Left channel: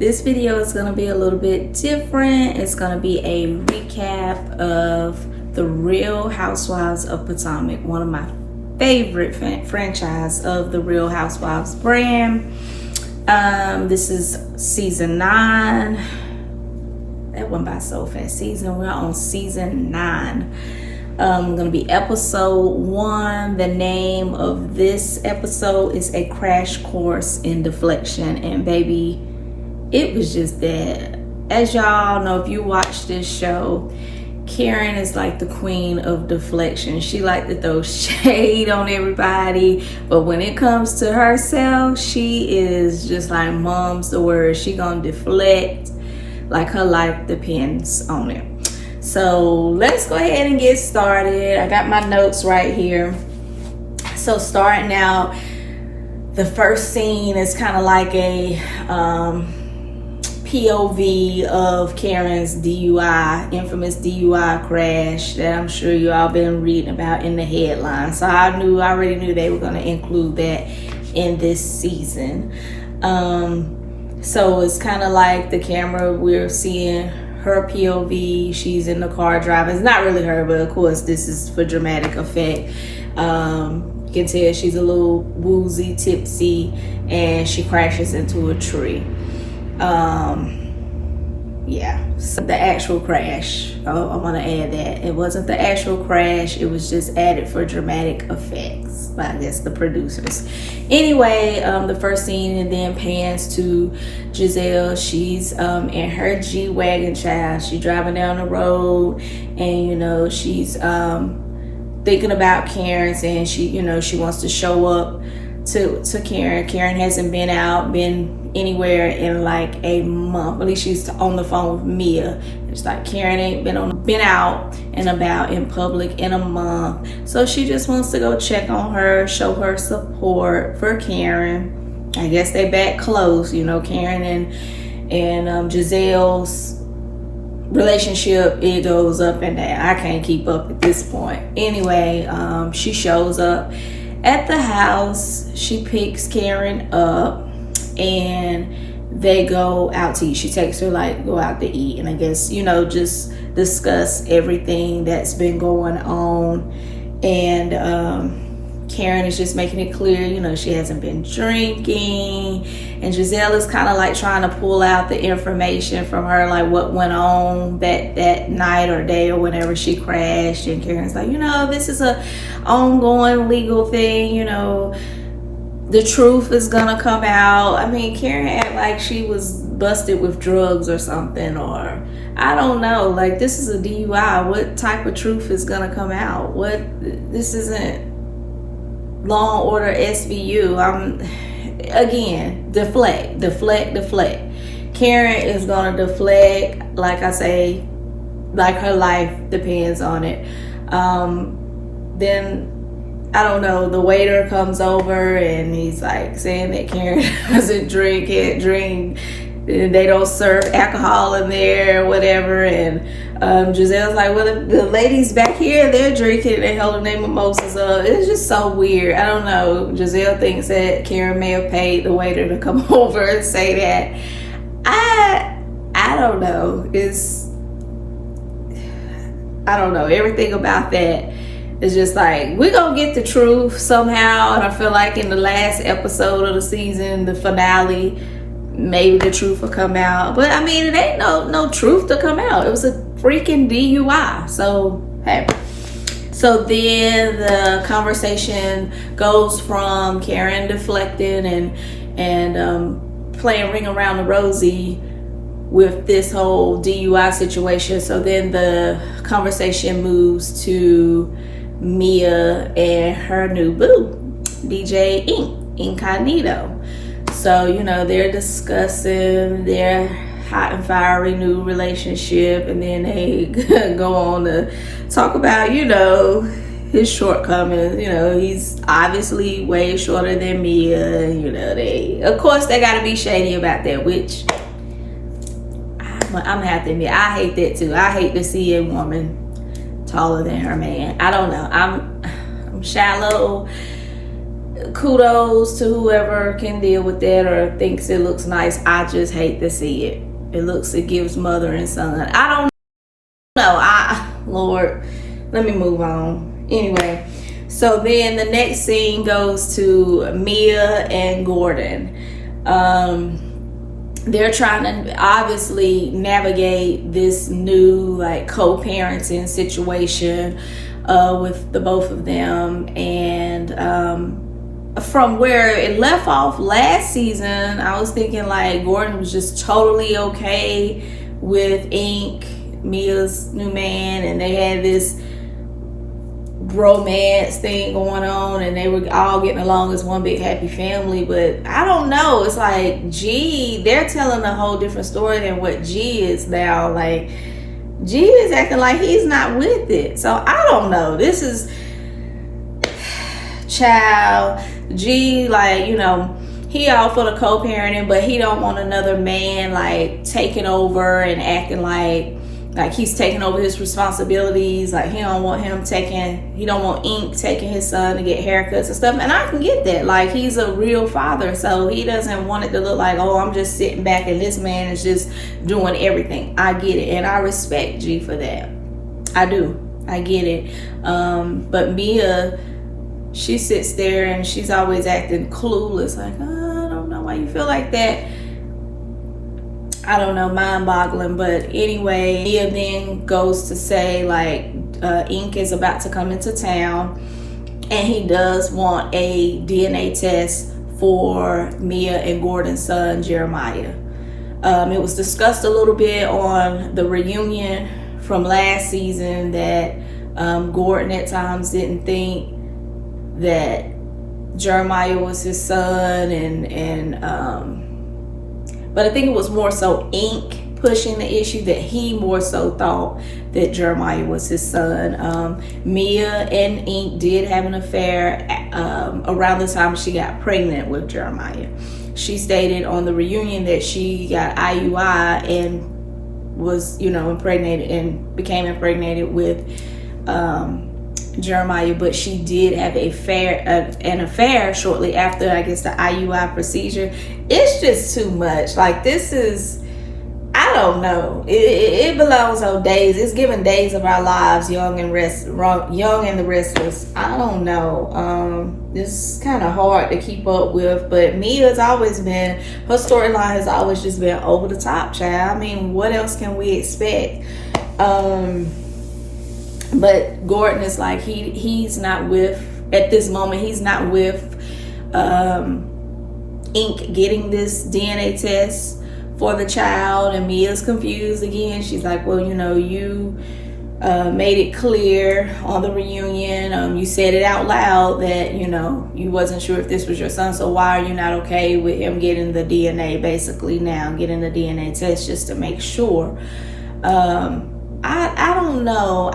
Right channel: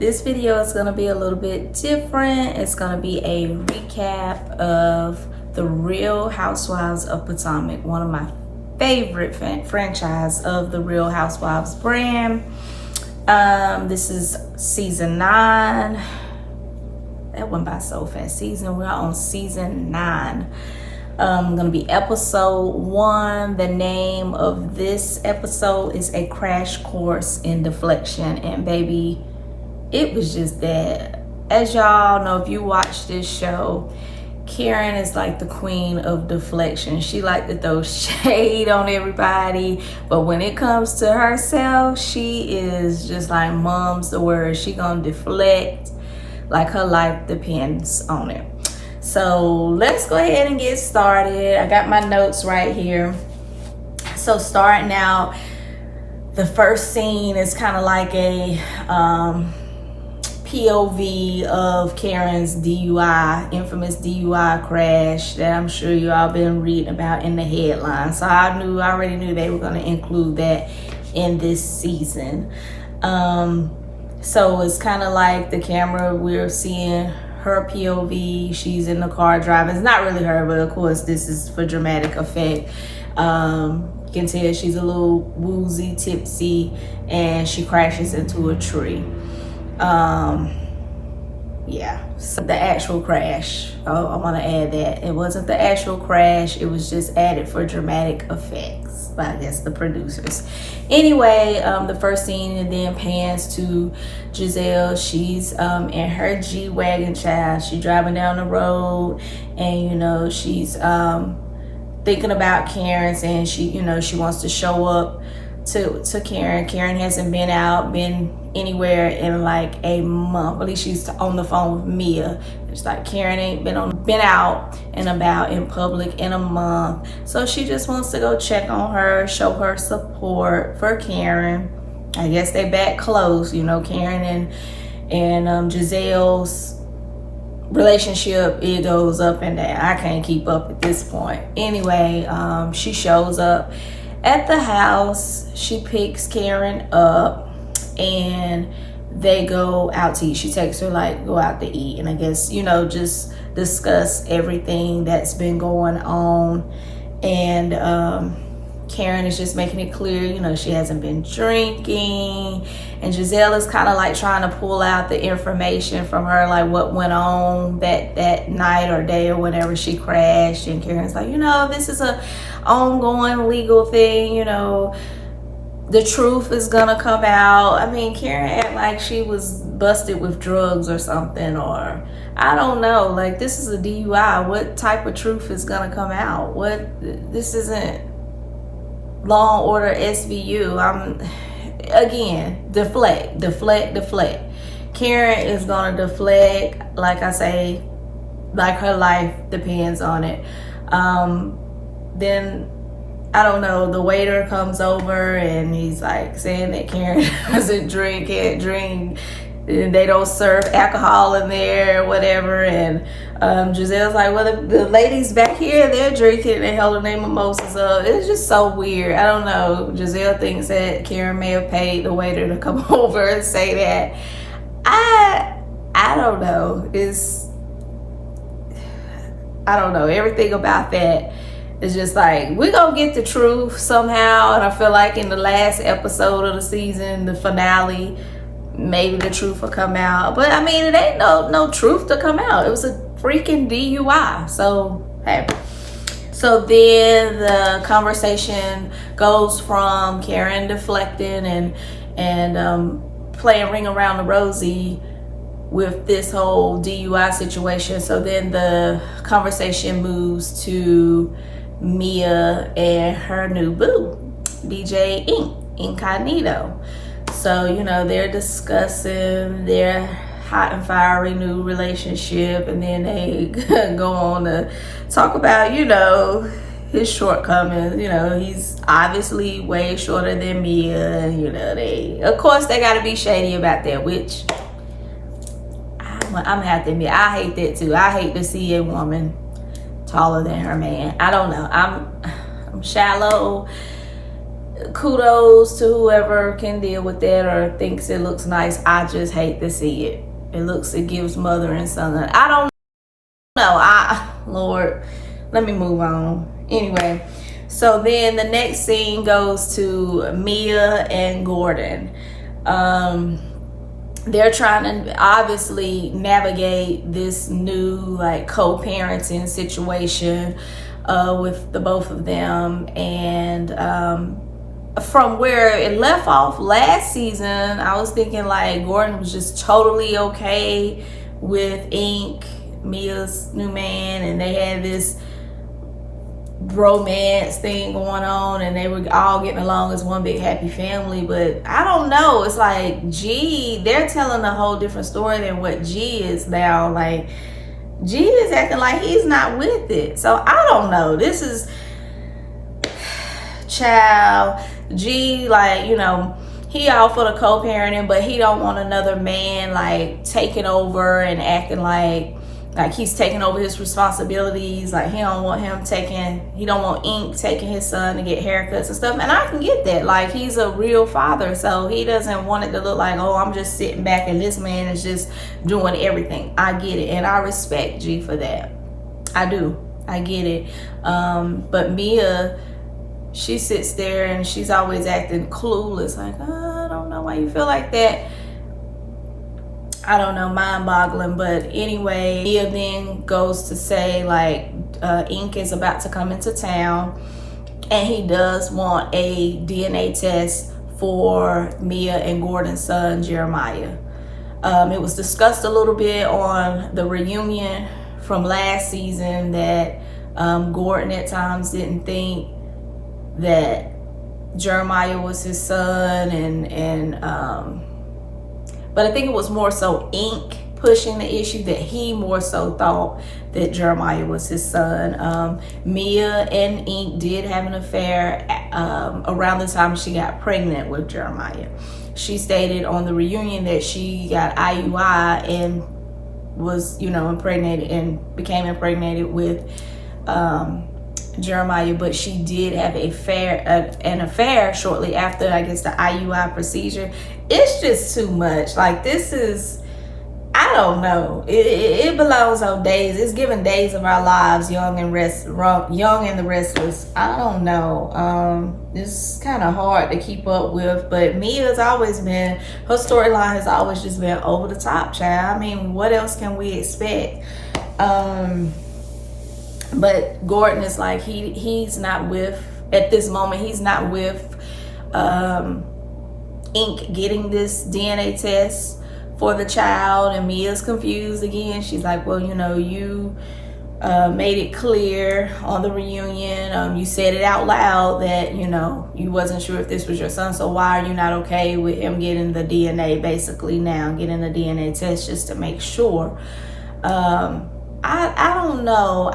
This video is going to be a little bit different. It's going to be a recap of the Real Housewives of Potomac, one of my favorite franchise of the Real Housewives brand. This is season 9. That went by so fast. We're on season 9. Gonna be episode 1. The name of this episode is A Crash Course in Deflection. And baby, it was just that. As y'all know, if you watch this show, Karen is like the queen of deflection. She like to throw shade on everybody, but when it comes to herself, she is just like mom's the word. She gonna deflect like her life depends on it. So let's go ahead and get started. I got my notes right here. So starting out, the first scene is kind of like a POV of Karen's DUI, infamous DUI crash that I'm sure you all been reading about in the headlines. So I already knew they were going to include that in this season. So it's kind of like the camera, we're seeing her POV. She's in the car driving. It's not really her, but of course this is for dramatic effect. You can tell she's a little woozy, tipsy, and she crashes into a tree. Yeah, so the actual crash, I want to add that it wasn't the actual crash, it was just added for dramatic effects by, I guess, the producers. Anyway, the first scene, and then pans to Giselle. She's in her G-Wagon, child. She's driving down the road, and you know, she's thinking about Karen, saying she wants to show up to Karen. Karen hasn't been anywhere in like a month. At least she's on the phone with Mia. It's like Karen ain't been out and about in public in a month. So she just wants to go check on her, show her support for Karen. I guess they back close, you know, Karen and Giselle's relationship, it goes up and down. I can't keep up at this point. Anyway, she shows up at the house. She picks Karen up and they go out to eat. She takes her, go out to eat, and I guess, you know, just discuss everything that's been going on. And Karen is just making it clear, you know, she hasn't been drinking, and Giselle is kind of like trying to pull out the information from her, like what went on that night or day or whenever she crashed. And Karen's like, you know, this is a ongoing legal thing, you know, the truth is gonna come out. I mean, Karen act like she was busted with drugs or something, or I don't know, like, this is a DUI. What type of truth is gonna come out? This isn't Law and Order SVU. Again, deflect. Karen is gonna deflect, like I say, like her life depends on it. Then I don't know, the waiter comes over and he's like saying that Karen doesn't drink, can't drink, they don't serve alcohol in there or whatever. And Giselle's like, well, the ladies back here, they're drinking and they holding their mimosas up. It's just so weird. I don't know. Giselle thinks that Karen may have paid the waiter to come over and say that. I don't know. I don't know. Everything about that, it's just like, we're gonna get the truth somehow. And I feel like in the last episode of the season, the finale, maybe the truth will come out. But I mean, it ain't no truth to come out. It was a freaking DUI. So, hey. So then the conversation goes from Karen deflecting and playing Ring Around the Rosie with this whole DUI situation. So then the conversation moves to Mia and her new boo, DJ Incognito. So, you know, they're discussing their hot and fiery new relationship, and then they go on to talk about, you know, his shortcomings. You know, he's obviously way shorter than Mia. You know, of course they got to be shady about that, which I'm gonna have to admit, I hate that too. I hate to see a woman taller than her man. I don't know. I'm shallow. kudos to whoever can deal with that or thinks it looks nice. I just hate to see it. It gives mother and son. I don't know. Lord, let me move on. Anyway, so then the next scene goes to Mia and Gordon. They're trying to obviously navigate this new like co-parenting situation with the both of them. And from where it left off last season, I was thinking like Gordon was just totally okay with Ink, Mia's new man, and they had this romance thing going on and they were all getting along as one big happy family. But I don't know, it's like G, they're telling a whole different story than what G is now. Like G is acting like he's not with it. So I don't know, this is child G, like, you know, he all for the co-parenting, but he don't want another man like taking over and acting like he's taking over his responsibilities. Like he don't want Ink taking his son to get haircuts and stuff. And I can get that. Like he's a real father, so he doesn't want it to look like, oh, I'm just sitting back and this man is just doing everything. I get it, and I respect G for that. I do. I get it. But Mia, she sits there and she's always acting clueless. Like, oh, I don't know why you feel like that. I don't know, mind-boggling. But anyway, Mia then goes to say like Ink is about to come into town and he does want a DNA test for Mia and Gordon's son Jeremiah. It was discussed a little bit on the reunion from last season that Gordon at times didn't think that Jeremiah was his son, but I think it was more so Ink pushing the issue, that he more so thought that Jeremiah was his son. Mia and Ink did have an affair around the time she got pregnant with Jeremiah. She stated on the reunion that she got IUI and was, you know, impregnated and became impregnated with Jeremiah, but she did have an affair shortly after, I guess, the IUI procedure. It's just too much. Like, this is, I don't know. It belongs on Days. It's giving Days of Our Lives, Young and the Restless. I don't know. It's kind of hard to keep up with, but Mia's always been, her storyline has always just been over the top, child. I mean, what else can we expect? But Gordon is like, he's not with, at this moment, he's not with Ink getting this DNA test for the child. And Mia's confused again. She's like, well, you know, you made it clear on the reunion. You said it out loud that, you know, you wasn't sure if this was your son. So why are you not okay with him getting the DNA, basically now, getting the DNA test just to make sure? I don't know.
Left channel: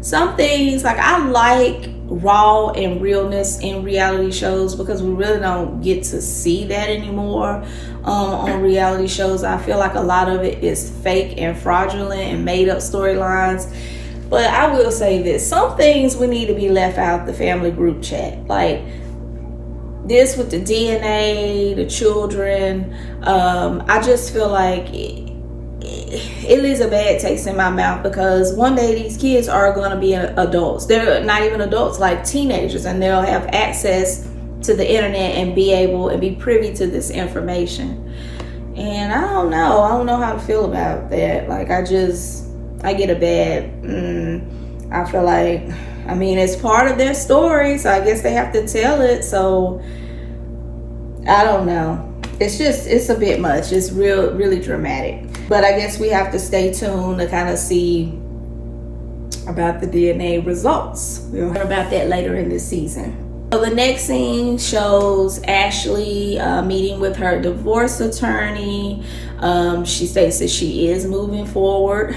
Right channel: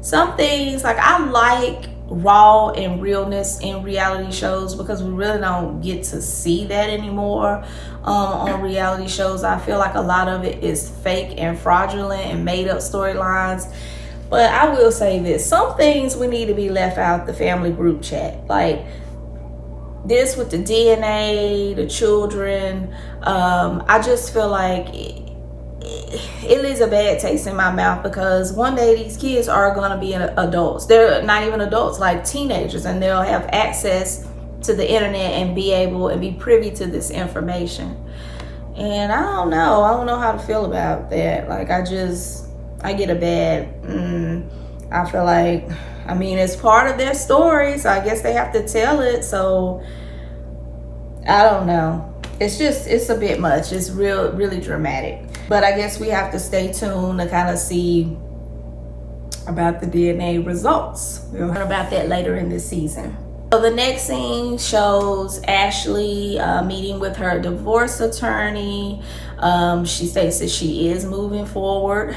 Some things, like, I like raw and realness in reality shows because we really don't get to see that anymore on reality shows. I feel like a lot of it is fake and fraudulent and made up storylines. But I will say this, some things we need to be left out the family group chat. Like this with the DNA, the children. I just feel like it leaves a bad taste in my mouth because one day these kids are going to be adults. They're not even adults, like teenagers, and they'll have access to the internet and be able and be privy to this information. And I don't know how to feel about that. Like, I get a bad, I feel like, I mean, it's part of their story, so I guess they have to tell it. So I don't know. It's a bit much. It's really dramatic. But I guess we have to stay tuned to kind of see about the DNA results. We'll hear about that later in this season. So the next scene shows Ashley meeting with her divorce attorney. She states that she is moving forward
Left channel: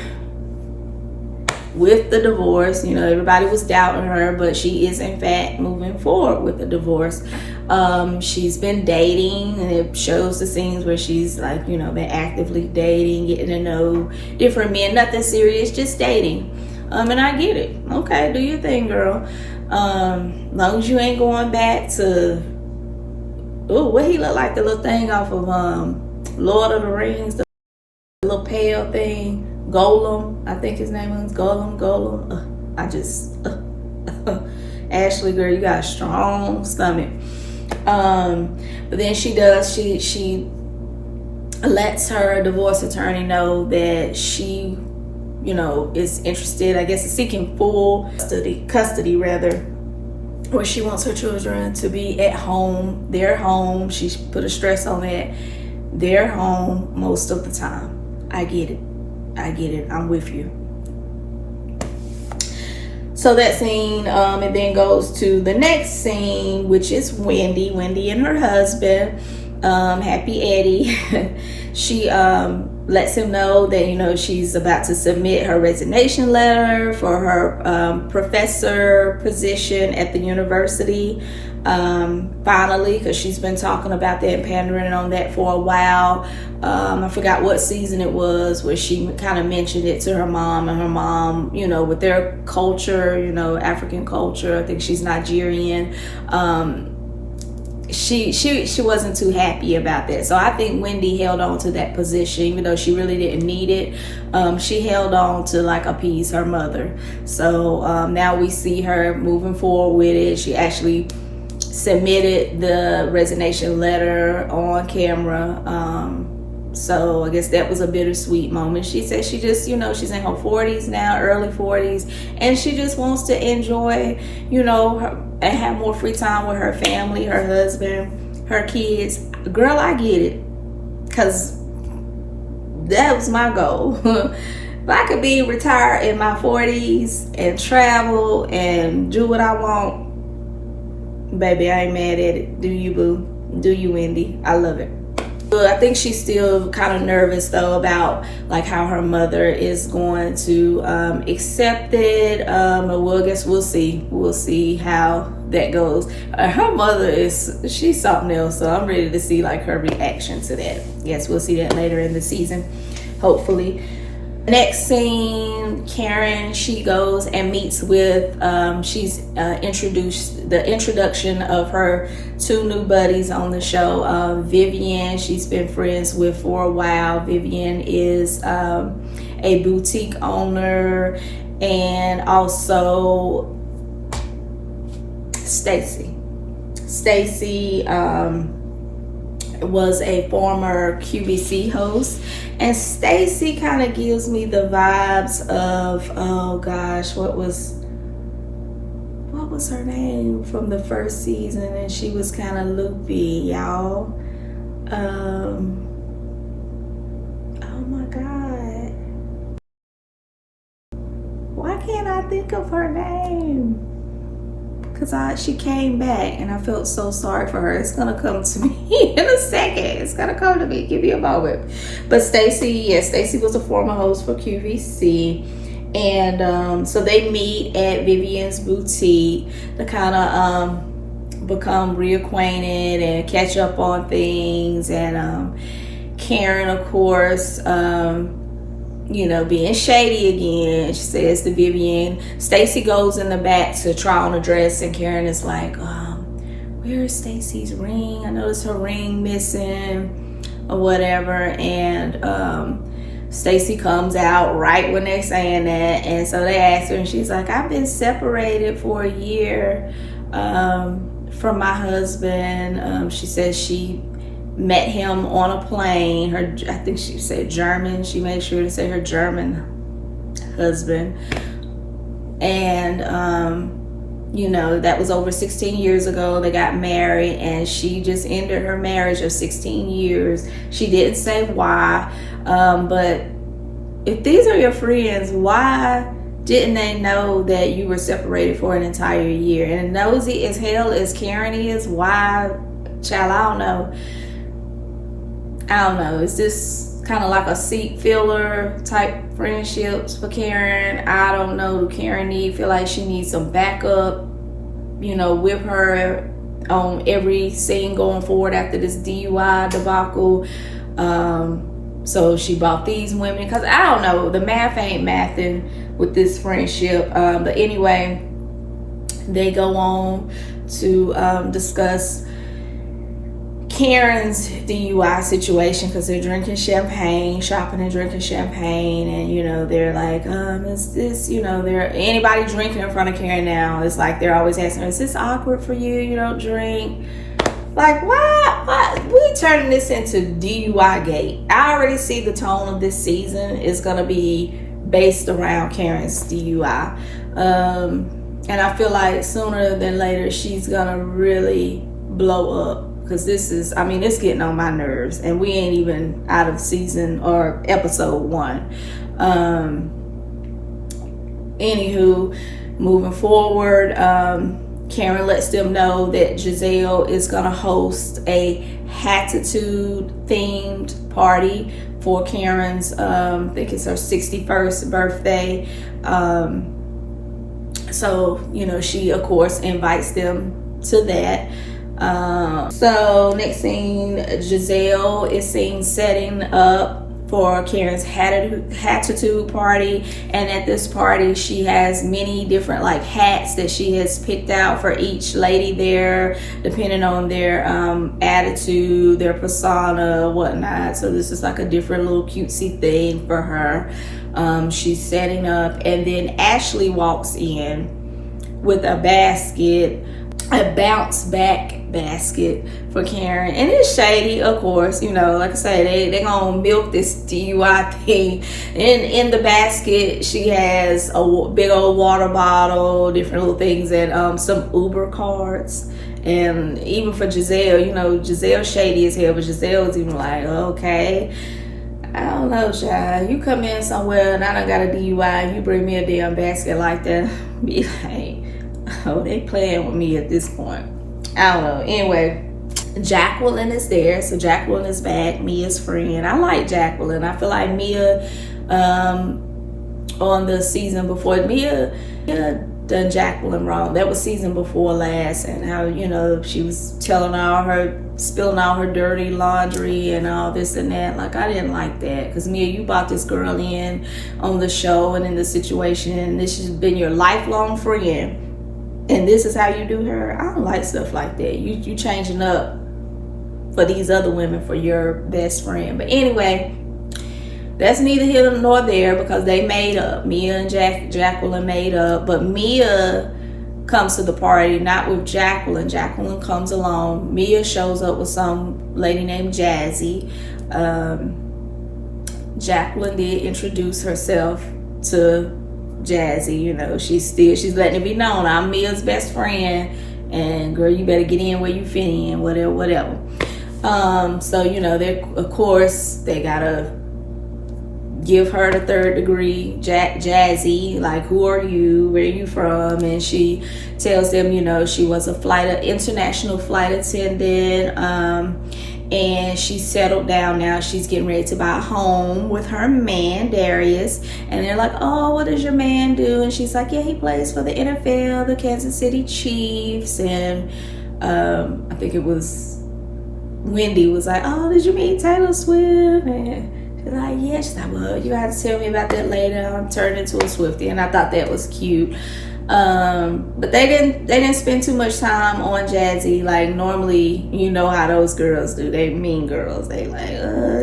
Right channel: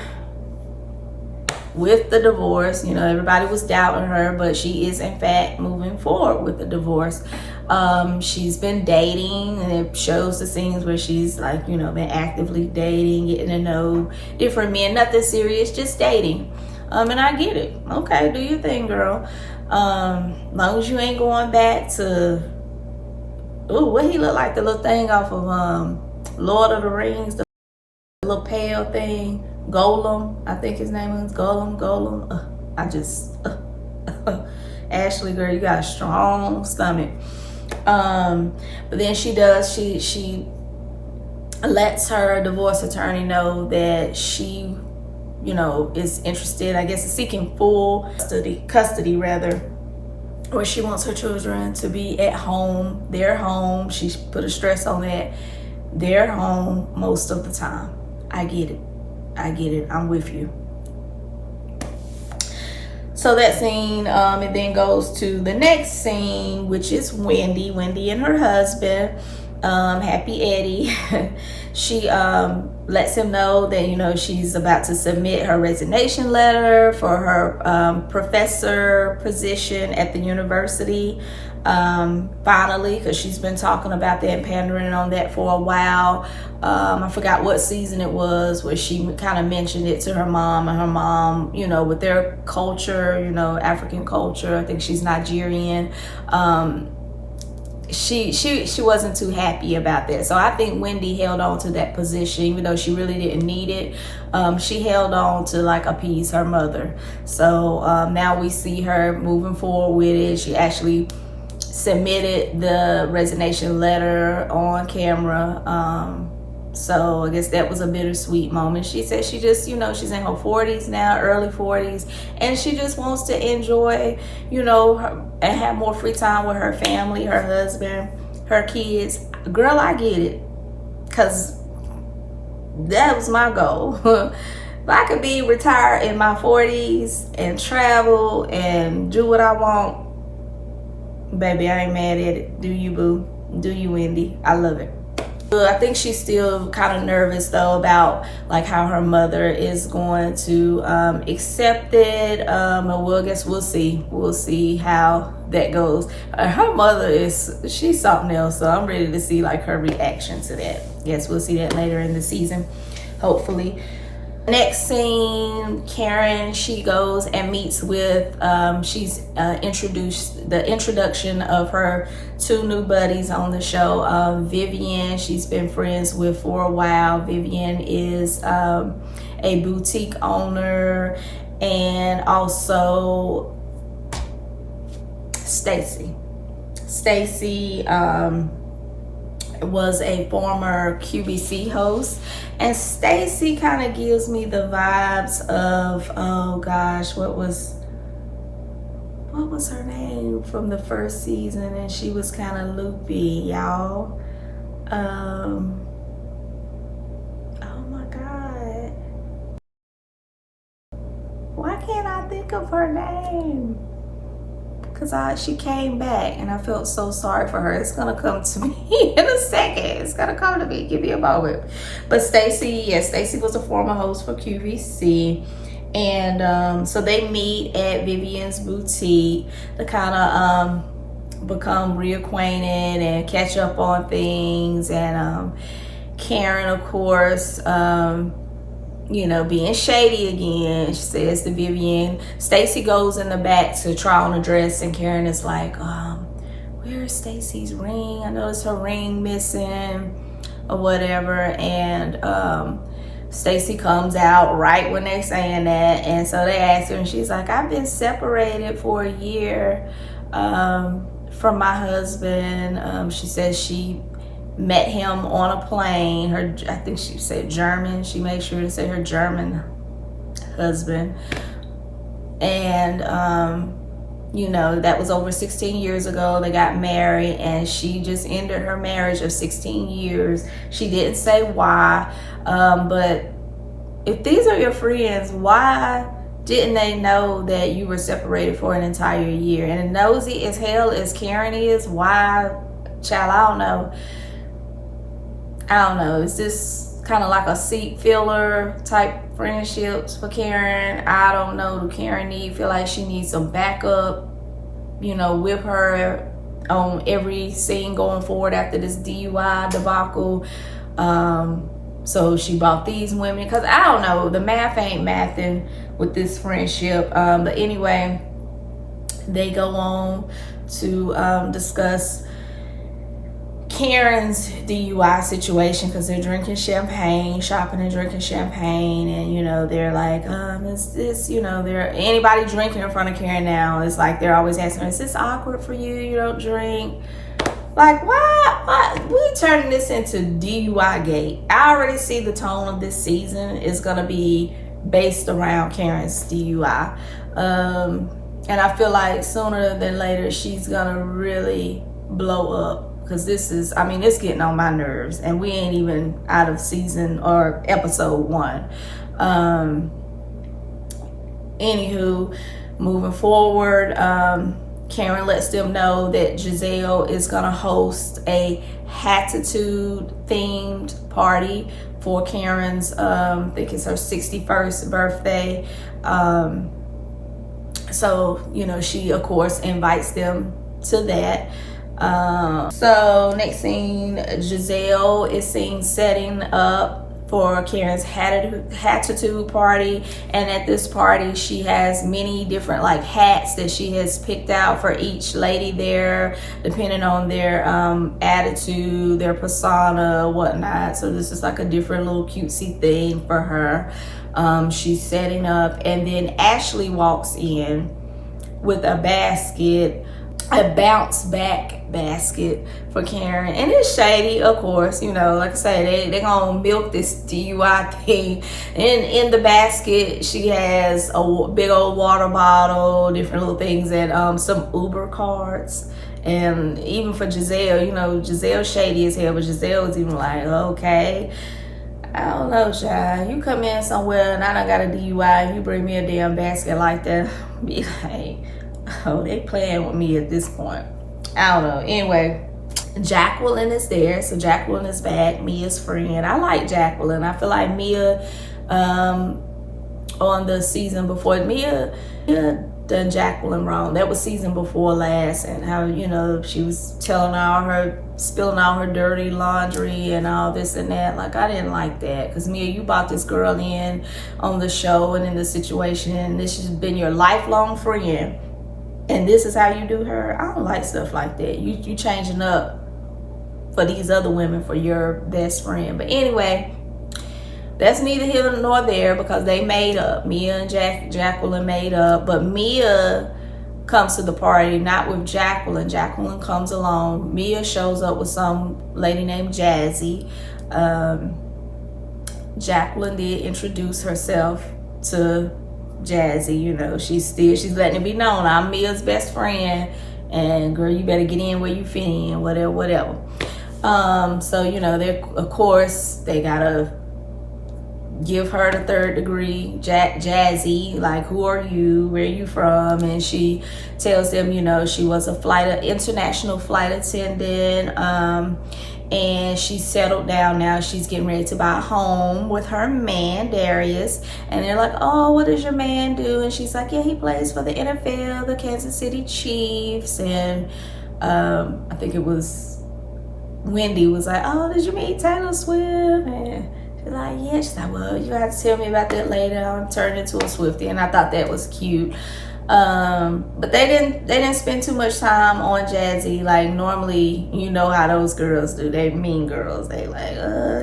with the divorce. You know, everybody was doubting her, but she is in fact moving forward with the divorce. She's been dating, and it shows the scenes where she's like, you know, been actively dating, getting to know different men, nothing serious, just dating. And I get it. Okay, do your thing, girl. Long as you ain't going back to, ooh, what he look like, the little thing off of Lord of the Rings, the little pale thing, Golem, I think his name is Golem. Ashley, girl, you got a strong stomach. But then she lets her divorce attorney know that she, is interested, I guess, in seeking full custody rather, where she wants her children to be at home, their home. She put a stress on that, their home most of the time. I get it. I'm with you. So that scene, it then goes to the next scene, which is Wendy and her husband, Happy Eddie. She lets him know that, she's about to submit her resignation letter for her professor position at the university. Finally, because she's been talking about that and pandering on that for a while. I forgot what season it was where she kind of mentioned it to her mom, and her mom, with their culture, African culture, I think she's Nigerian. She wasn't too happy about that. So I think Wendy held on to that position, even though she really didn't need it. She held on to appease her mother. So now we see her moving forward with it. She actually submitted the resignation letter on camera. So I guess that was a bittersweet moment. She said she just, she's in her 40s now, early 40s, and she just wants to enjoy, and have more free time with her family, her husband, her kids. Girl, I get it, because that was my goal. If I could be retired in my 40s and travel and do what I want, baby, I ain't mad at it. Do you, boo? Do you, Wendy? I love it. I think she's still kind of nervous though about how her mother is going to accept it. We'll see. We'll see how that goes. Her mother she's something else, so I'm ready to see her reaction to that. Yes, we'll see that later in the season, hopefully. Next scene, Karen, she goes and meets with, she's introduced the introduction of her two new buddies on the show. Vivian, she's been friends with for a while. Vivian is a boutique owner, and also Stacy. Stacy was a former QVC host. And Stacy kind of gives me the vibes of, oh gosh, what was her name from the first season? And she was kind of loopy, y'all. Oh my God. Why can't I think of her name? Because she came back and I felt so sorry for her. It's gonna come to me in a second. It's gonna come to me. Give me a moment. But Stacy was a former host for QVC. And so they meet at Vivian's boutique to kind of become reacquainted and catch up on things. And Karen, of course, being shady again. She says to Vivian, Stacy goes in the back to try on a dress, and Karen is like, where's Stacy's ring? I noticed her ring missing or whatever. And Stacy comes out right when they're saying that. And so they ask her, and she's like, I've been separated for a year from my husband. She says she met him on a plane. I think she said German. She made sure to say her German husband. And, that was over 16 years ago. They got married, and she just ended her marriage of 16 years. She didn't say why, but if these are your friends, why didn't they know that you were separated for an entire year? And nosy as hell as Karen is, why? Child, I don't know. It's just kind of like a seat filler type friendships for Karen. I don't know. Do Karen feel like she needs some backup, with her on every scene going forward after this DUI debacle? So she bought these women, because I don't know, the math ain't mathing with this friendship. But anyway, they go on to discuss Karen's DUI situation, because they're drinking champagne, shopping and drinking champagne, and they're like, is this, they're anybody drinking in front of Karen now, it's like they're always asking her, is this awkward for you? You don't drink? Like, why we turning this into DUI gate? I already see the tone of this season is gonna be based around Karen's DUI, and I feel like sooner than later she's gonna really blow up. Because it's getting on my nerves, and we ain't even out of season or episode 1. Anywho, moving forward, Karen lets them know that Giselle is gonna host a Hatitude themed party for Karen's, I think it's her 61st birthday. So, she of course invites them to that. So next scene, Giselle is seen setting up for Karen's Hatitude party, and at this party she has many different like hats that she has picked out for each lady there, depending on their attitude, their persona, whatnot. So this is like a different little cutesy thing for her. She's setting up, and then Ashley walks in with a bounce back basket for Karen, and it's shady, of course. Like I say, they gonna milk this DUI thing. In the basket she has a big old water bottle, different little things, and some Uber cards. And even for Giselle, Giselle's shady as hell, but Giselle is even like, okay, I don't know, child, you come in somewhere and I done got a DUI, you bring me a damn basket like that, be like, oh, they playing with me at this point. I don't know. Anyway, Jacqueline is there. So Jacqueline is back, Mia's friend. I like Jacqueline. I feel like Mia, on the season before, Mia done Jacqueline wrong. That was season before last, and how, she was spilling all her dirty laundry and all this and that. Like, I didn't like that, because Mia, you brought this girl in on the show and in the situation, and this has been your lifelong friend, and this is how you do her. I don't like stuff like that. You changing up for these other women for your best friend. But anyway, that's neither here nor there, because they made up. Mia and Jacqueline made up, but Mia comes to the party not with Jacqueline. Jacqueline comes along. Mia shows up with some lady named Jazzy. Jacqueline did introduce herself to Jazzy. She's letting it be known, I'm Mia's best friend, and girl, you better get in where you fit in, whatever. So they, of course, they gotta give her the third degree. Jazzy, like, who are you, where are you from? And she tells them, she was a international flight attendant, and she's settled down now. She's getting ready to buy a home with her man, Darius. And they're like, oh, what does your man do? And she's like, yeah, he plays for the NFL, the Kansas City Chiefs. And I think it was Wendy was like, oh, did you meet Taylor Swift? And she's like, yeah. She's like, well, you have to tell me about that later. I'm turning into a Swiftie. And I thought that was cute. But they didn't spend too much time on Jazzy. Like, normally, how those girls do. They mean girls. They like,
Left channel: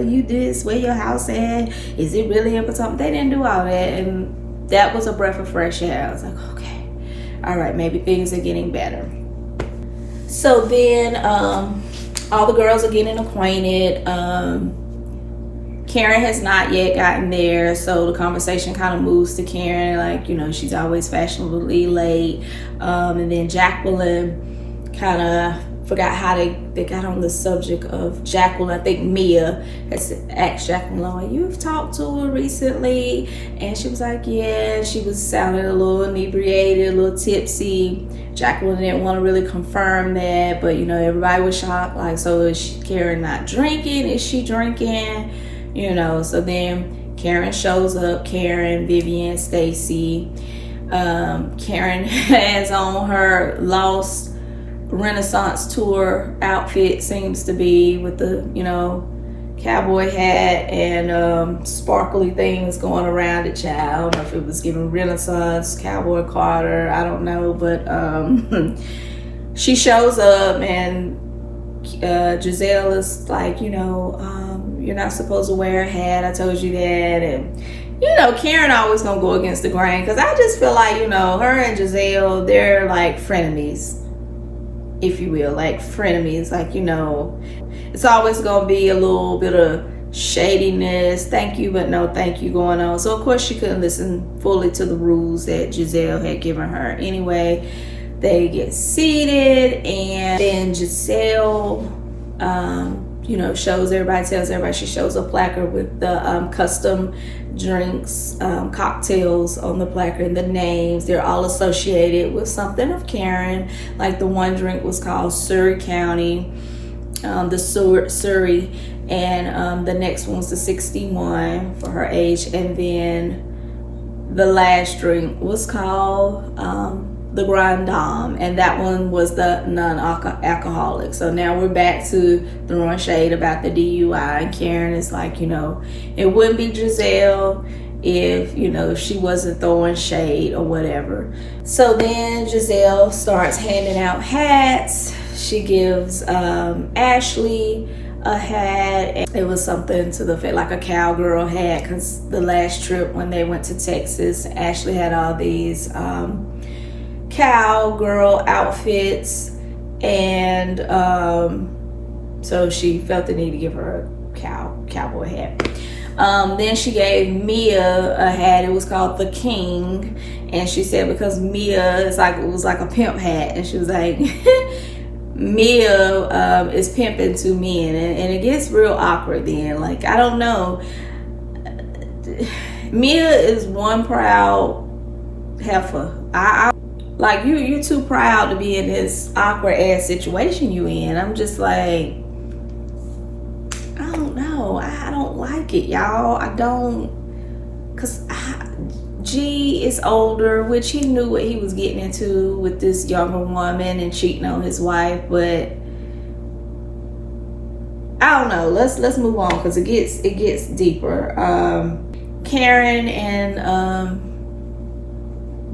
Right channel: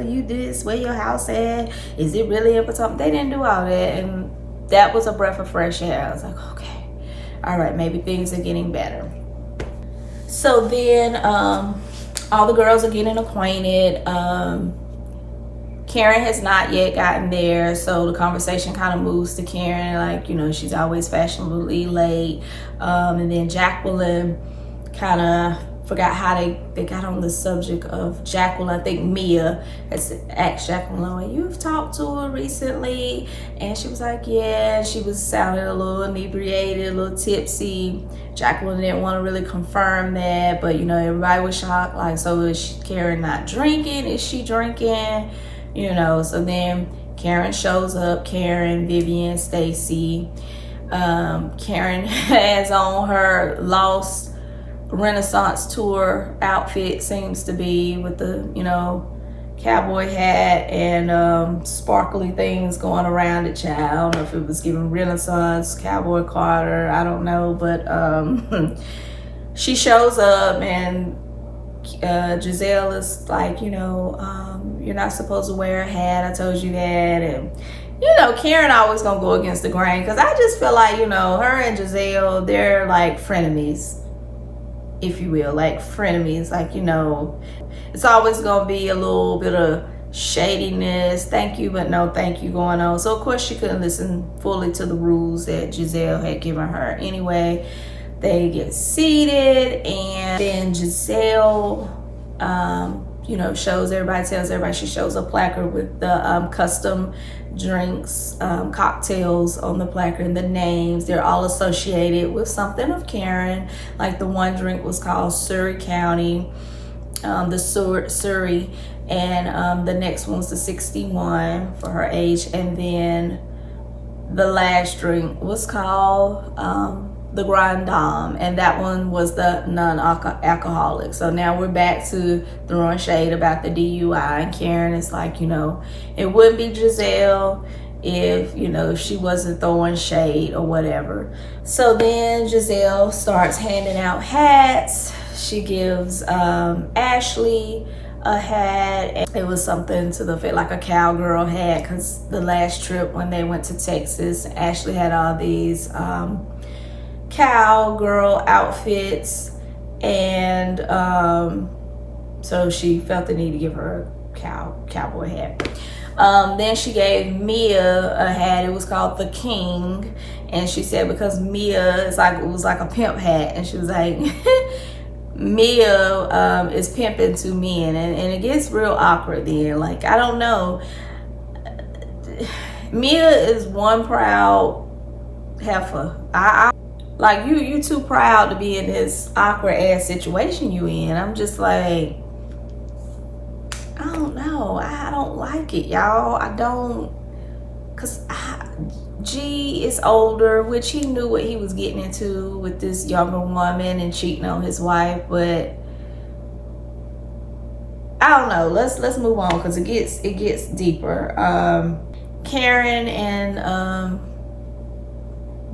you this, where your house at? Is it really in Potomac? They didn't do all that. And that was a breath of fresh air. I was like, okay, all right, maybe things are getting better. So then, all the girls are getting acquainted. Karen has not yet gotten there, so the conversation kind of moves to Karen, like, she's always fashionably late. And then Jacqueline kind of forgot how they got on the subject of Jacqueline. I think Mia has asked Jacqueline, like, you've talked to her recently? And she was like, yeah. She was sounding a little inebriated, a little tipsy. Jacqueline didn't want to really confirm that, but everybody was shocked, like, so is Karen not drinking? Is she drinking? So then Karen shows up. Karen, Vivian, Stacy. Karen has on her Lost Renaissance tour outfit, seems to be, with the, cowboy hat and sparkly things going around it, child. I don't know if it was giving Renaissance, Cowboy Carter, I don't know, but she shows up and Giselle is like, you know, you're not supposed to wear a hat, I told you that. And you know, Karen always gonna go against the grain, because I just feel like, you know, her and Giselle, they're like frenemies, if you will, like frenemies. Like, you know, it's always gonna be a little bit of shadiness, thank you but no thank you going on. So of course she couldn't listen fully to the rules that Giselle had given her. Anyway, they get seated, and then Giselle you know, tells everybody, she shows a placard with the custom drinks, cocktails on the placard, and the names, they're all associated with something of Karen. Like the one drink was called Surrey County, the Surrey, and the next one was the 61 for her age, and then the last drink was called the Grand Dame, and that one was the non-alcoholic. So now we're back to throwing shade about the DUI, and Karen is like, you know, it wouldn't be Giselle if, you know, she wasn't throwing shade or whatever. So then Giselle starts handing out hats. She gives Ashley a hat. It was something to the effect like a cowgirl hat, because the last trip when they went to Texas, Ashley had all these cowgirl outfits, and so she felt the need to give her a cowboy hat. Then she gave Mia a hat. It was called the King, and she said because Mia is like, it was like a pimp hat, and she was like Mia is pimping to men, and it gets real awkward then. Like, I don't know, Mia is one proud heifer. I like, you too proud to be in this awkward ass situation you in. I'm just like, I don't know. I don't like it, y'all. I don't, because G is older, which he knew what he was getting into with this younger woman and cheating on his wife, but I don't know. Let's move on, because it gets deeper. Karen and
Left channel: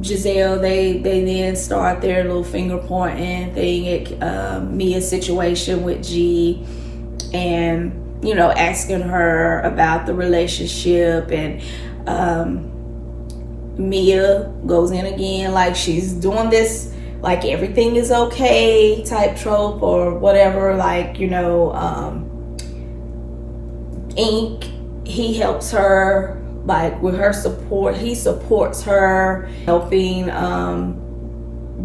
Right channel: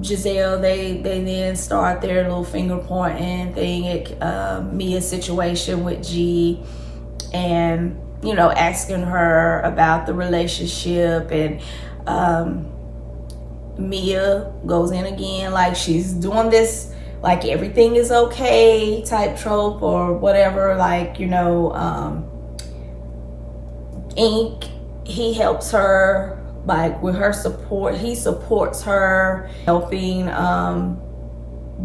Giselle, they then start their little finger pointing thing at Mia's situation with G, and, you know, asking her about the relationship, and Mia goes in again like she's doing this like everything is okay type trope or whatever. Like, you know, Ink, he helps her, like, with her support. He supports her, helping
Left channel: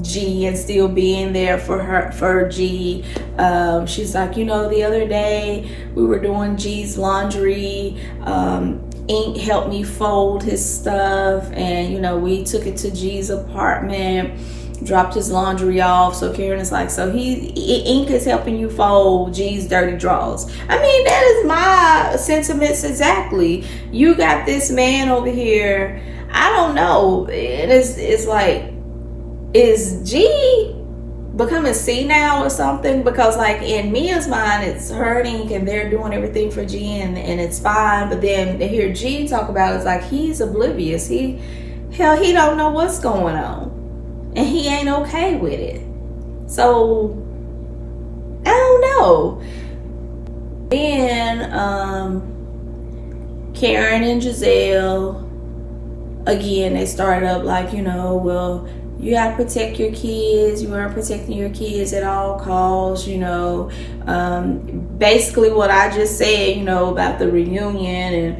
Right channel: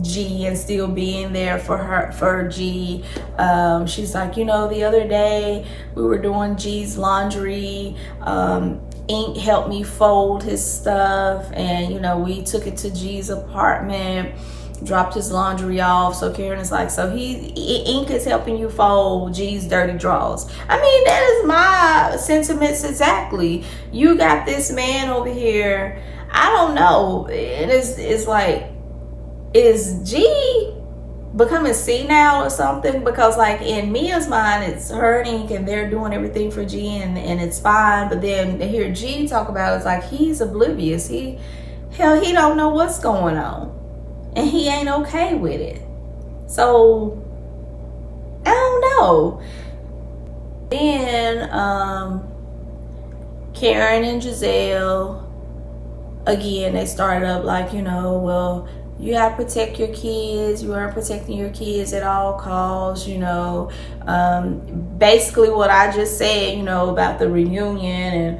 G and still being there for G. She's like, you know, the other day we were doing G's laundry. Ink helped me fold his stuff, and, you know, we took it to G's apartment, dropped his laundry off. So Karen is like, so Ink is helping you fold G's dirty drawers. I mean, that is my sentiments exactly. You got this man over here, I don't know, it's like, is G becoming senile or something? Because, like, in Mia's mind, it's her and Ink, and they're doing everything for G, and it's fine. But then to hear G talk about it, it's like he's oblivious. He don't know what's going on, and he ain't okay with it. So I don't know. Then Karen and Giselle, again, they started up like, you know, well, you gotta protect your kids. You aren't protecting your kids at all costs, you know. Basically what I just said, you know, about the reunion and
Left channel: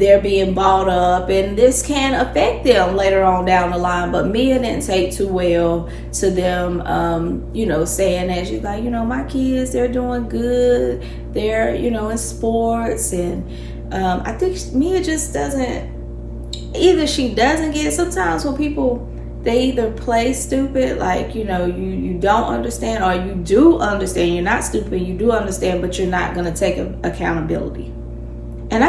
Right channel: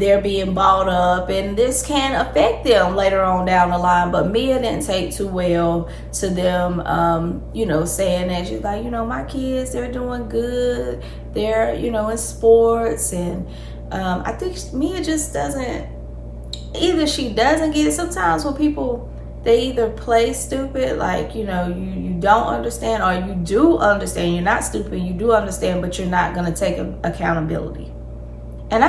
they're being bought up, and this can affect them later on down the line. But Mia didn't take too well to them, you know, saying that. She's like, you know, my kids, they're doing good. They're, you know, in sports. And I think Mia just doesn't, either she doesn't get it. Sometimes when people, they either play stupid, like, you know, you don't understand, or you do understand. You're not stupid, you do understand, but you're not going to take accountability. And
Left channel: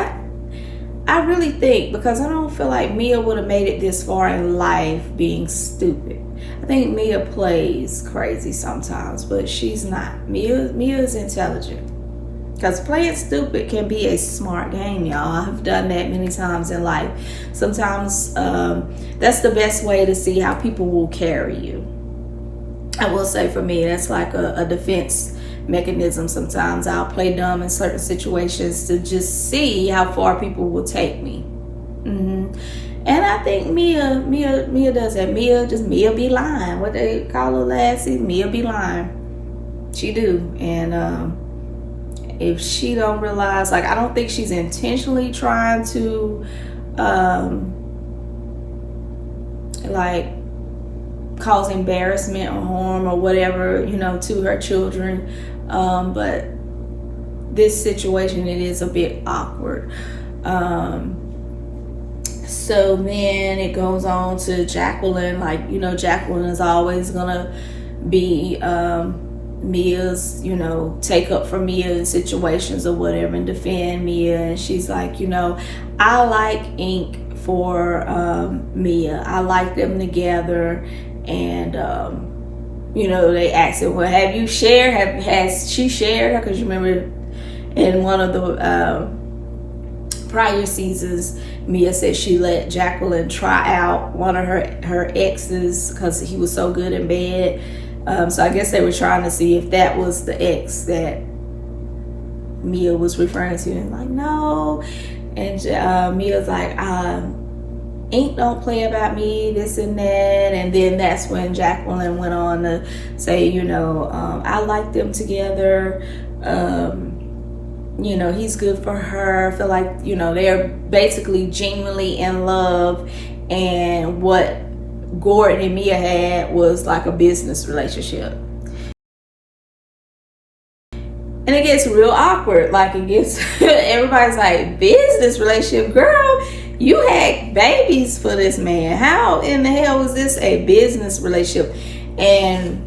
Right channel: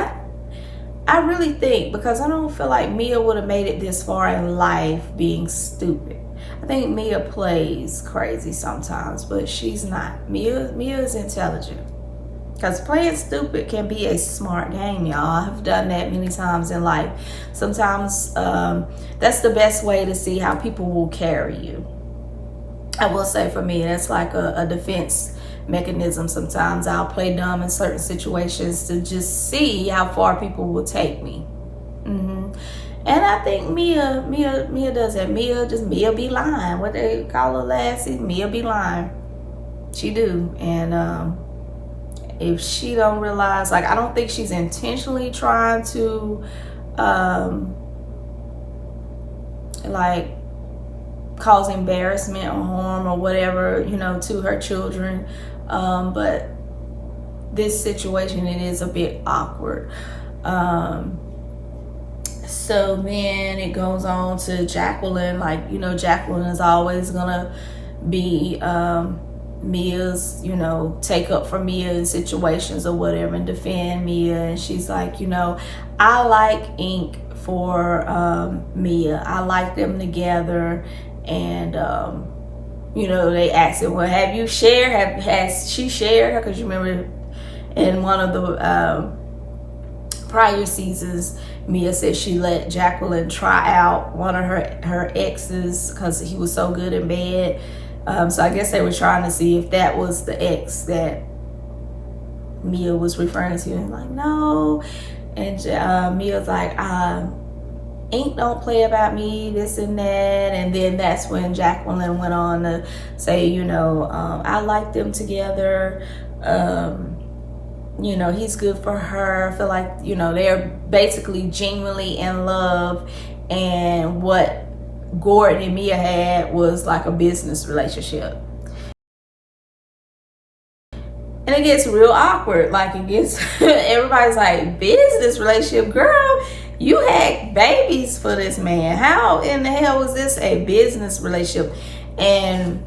I really think, because I don't feel like Mia would have made it this far in life being stupid. I think Mia plays crazy sometimes, but she's not. Mia is intelligent. Because playing stupid can be a smart game, y'all. I've done that many times in life. Sometimes that's the best way to see how people will carry you. I will say for me, that's like a defense mechanism. Sometimes I'll play dumb in certain situations to just see how far people will take me. And I think Mia does that. Mia be lying. What they call her lassie, Mia be lying. She do. And if she don't realize, like, I don't think she's intentionally trying to like cause embarrassment or harm or whatever, you know, to her children. But this situation, it is a bit awkward. So then it goes on to Jacqueline. Like, you know, Jacqueline is always gonna be Mia's, you know, take up for Mia in situations or whatever and defend Mia. And she's like, you know, I like Ink for Mia. I like them together. And you know, they asked her, well, have you shared, has she shared her? Because you remember in one of the prior seasons, Mia said she let Jacqueline try out one of her exes because he was so good in bed. So I guess they were trying to see if that was the ex that Mia was referring to. And like, no. And Mia's like, Ink don't play about me, this and that. And then that's when Jacqueline went on to say, you know, I like them together. You know, he's good for her. I feel like, you know, they're basically genuinely in love. And what Gordon and Mia had was like a business relationship. And it gets real awkward. Like, it gets, everybody's like, business relationship? Girl, you had babies for this man. How in the hell was this a business relationship? And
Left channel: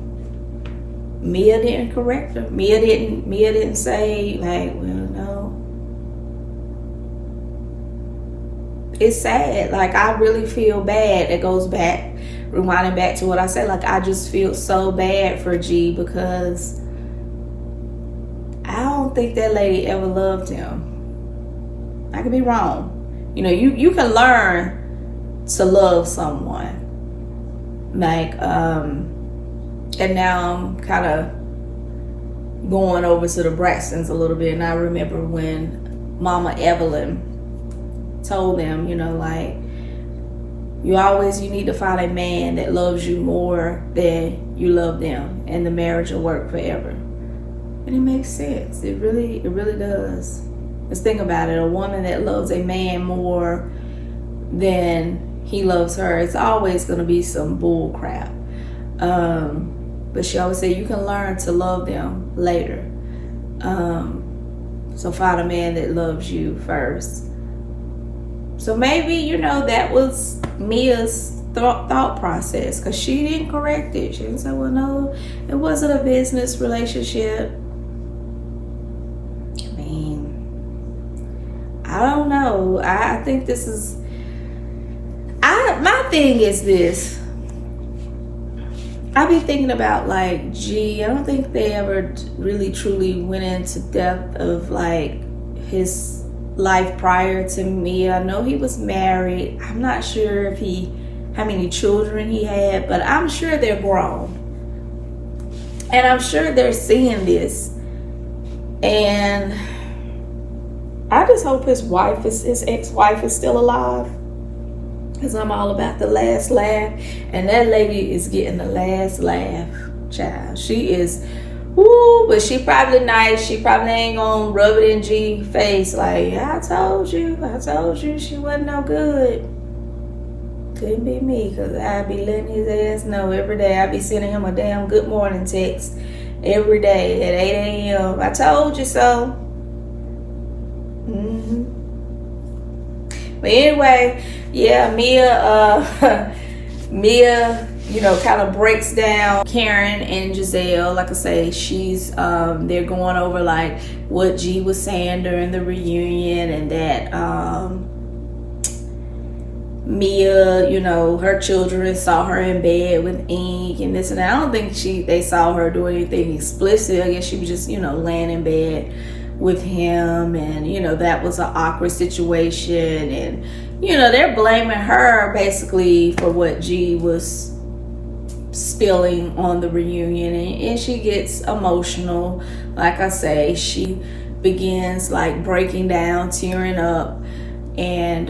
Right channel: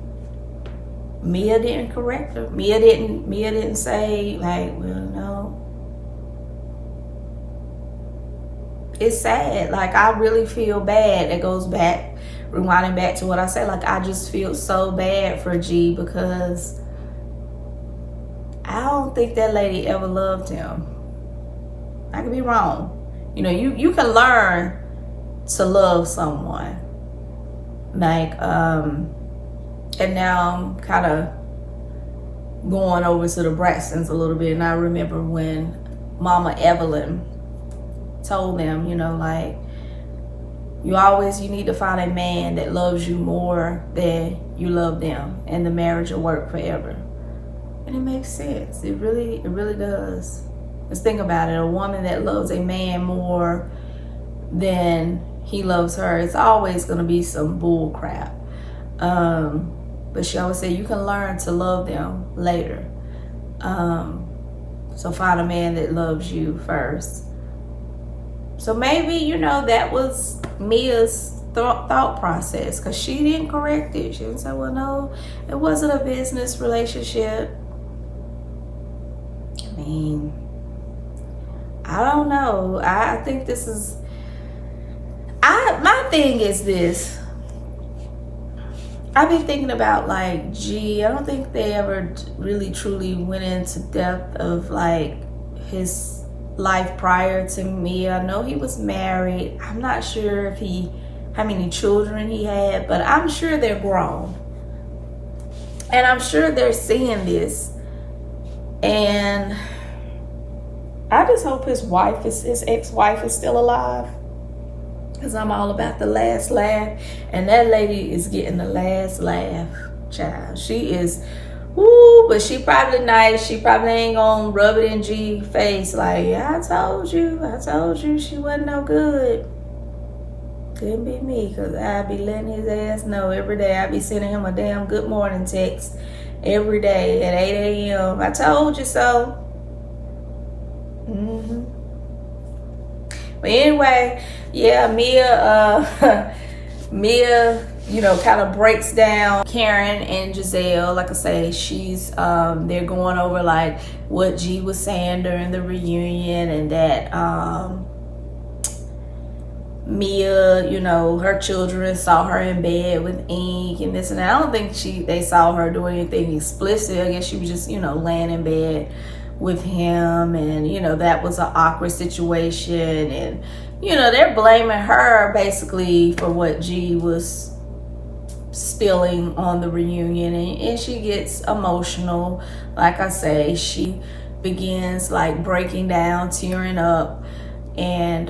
Mia didn't correct her. Mia didn't say, like, well, no. It's sad. Like, I really feel bad. It goes back, rewinding back to what I said. Like, I just feel so bad for G, because I don't think that lady ever loved him. I could be wrong. You know, you can learn to love someone. Like, and now I'm kind of going over to the Braxtons a little bit. And I remember when Mama Evelyn told them, you know, like, you need to find a man that loves you more than you love them, and the marriage will work forever. And it makes sense. It really does. Let's think about it. A woman that loves a man more than he loves her, it's always going to be some bull crap. But she always said you can learn to love them later. So find a man that loves you first. So maybe, you know, that was Mia's thought process, because she didn't correct it. She didn't say, well, no, it wasn't a business relationship. I mean, I don't know. I think this is, my thing is this. I be thinking about, like, gee, I don't think they ever really truly went into depth of, like, his life prior to me. I know he was married. I'm not sure if how many children he had, but I'm sure they're grown. And I'm sure they're seeing this. And I just hope his ex-wife is still alive. Because I'm all about the last laugh. And that lady is getting the last laugh, child. She is, woo, but she probably nice. She probably ain't gonna rub it in G's face like, yeah, I told you she wasn't no good. Couldn't be me, because I'd be letting his ass know every day. I'd be sending him a damn good morning text every day at 8 a.m. I told you so. But anyway, yeah, Mia, you know, kind of breaks down Karen and Giselle. Like I say, she's they're going over like what G was saying during the reunion, and that Mia, you know, her children saw her in bed with Ink and this and that. I don't think they saw her do anything explicit. I guess she was just, you know, laying in bed with him, and you know, that was an awkward situation, and you know, they're blaming her basically for what G was spilling on the reunion, and she gets emotional. Like I say, she begins like breaking down, tearing up, and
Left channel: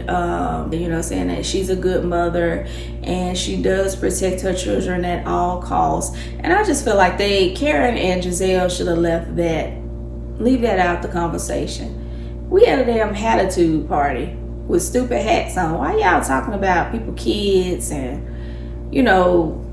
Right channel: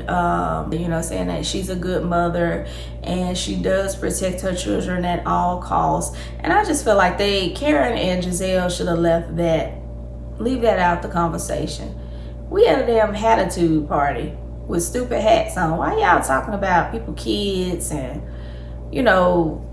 you know, saying that she's a good mother and she does protect her children at all costs. And I just feel like Karen and Giselle should have leave that out the conversation. We had a damn attitude party with stupid hats on. Why y'all talking about people, kids, and you know,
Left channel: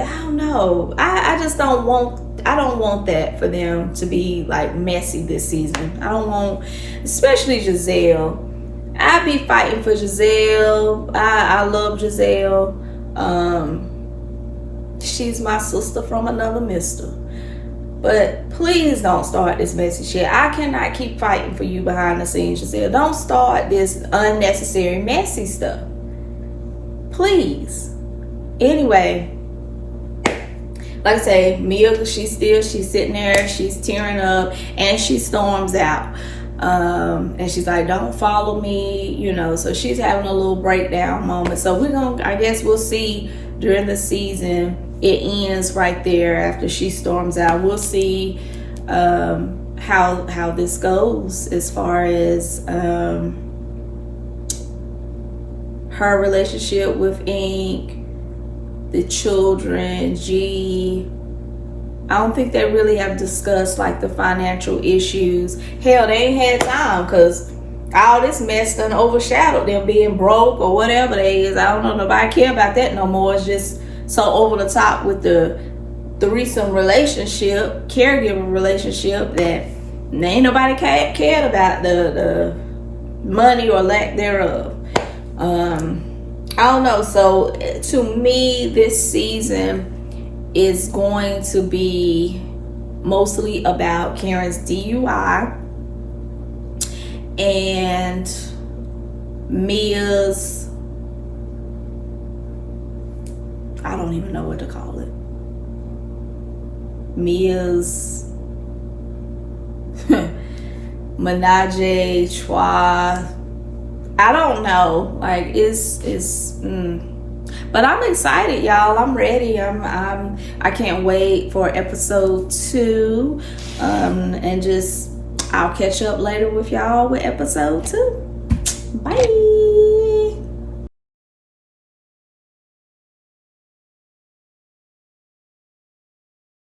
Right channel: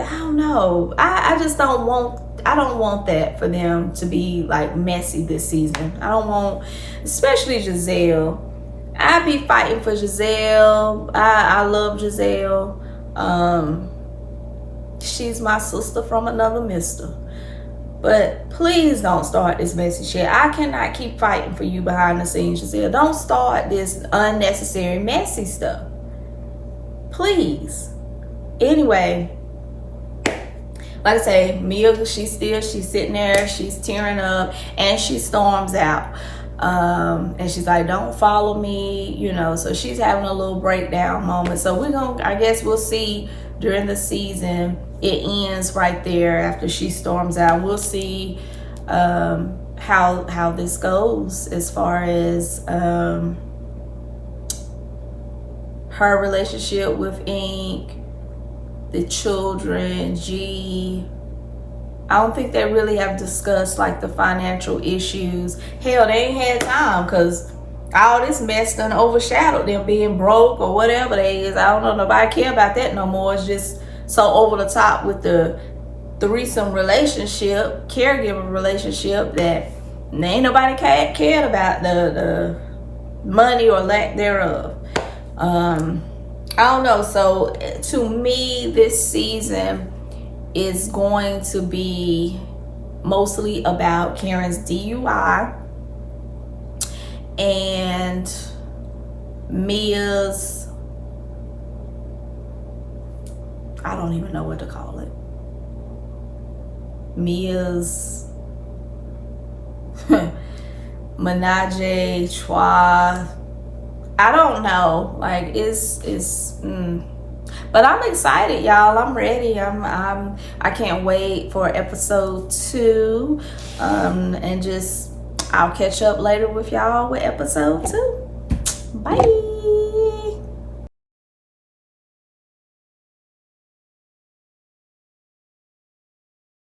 I don't know. I just don't want that for them to be like messy this season. I don't want, especially Giselle. I be fighting for Giselle. I love Giselle. She's my sister from another mister. But please don't start this messy shit. I cannot keep fighting for you behind the scenes, Giselle. Don't start this unnecessary messy stuff. Please. Anyway, like I say, Mia, she's sitting there, she's tearing up, and she storms out. And she's like, don't follow me, you know, so she's having a little breakdown moment. So I guess we'll see during the season. It ends right there after she storms out. We'll see how this goes as far as her relationship with Ink, the children, G. I don't think they really have discussed like the financial issues. Hell, they ain't had time because all this mess done overshadowed them being broke or whatever they is. I don't know, nobody care about that no more. It's just so over the top with the threesome relationship, caregiver relationship, that ain't nobody cared about the money or lack thereof. I don't know. So to me, this season is going to be mostly about Karen's DUI and Mia's, I don't even know what to call it, Mia's menage a trois. I don't know. Like but I'm excited, y'all. I'm ready. I can't wait for episode 2. And I'll catch up later with y'all with episode 2. Bye.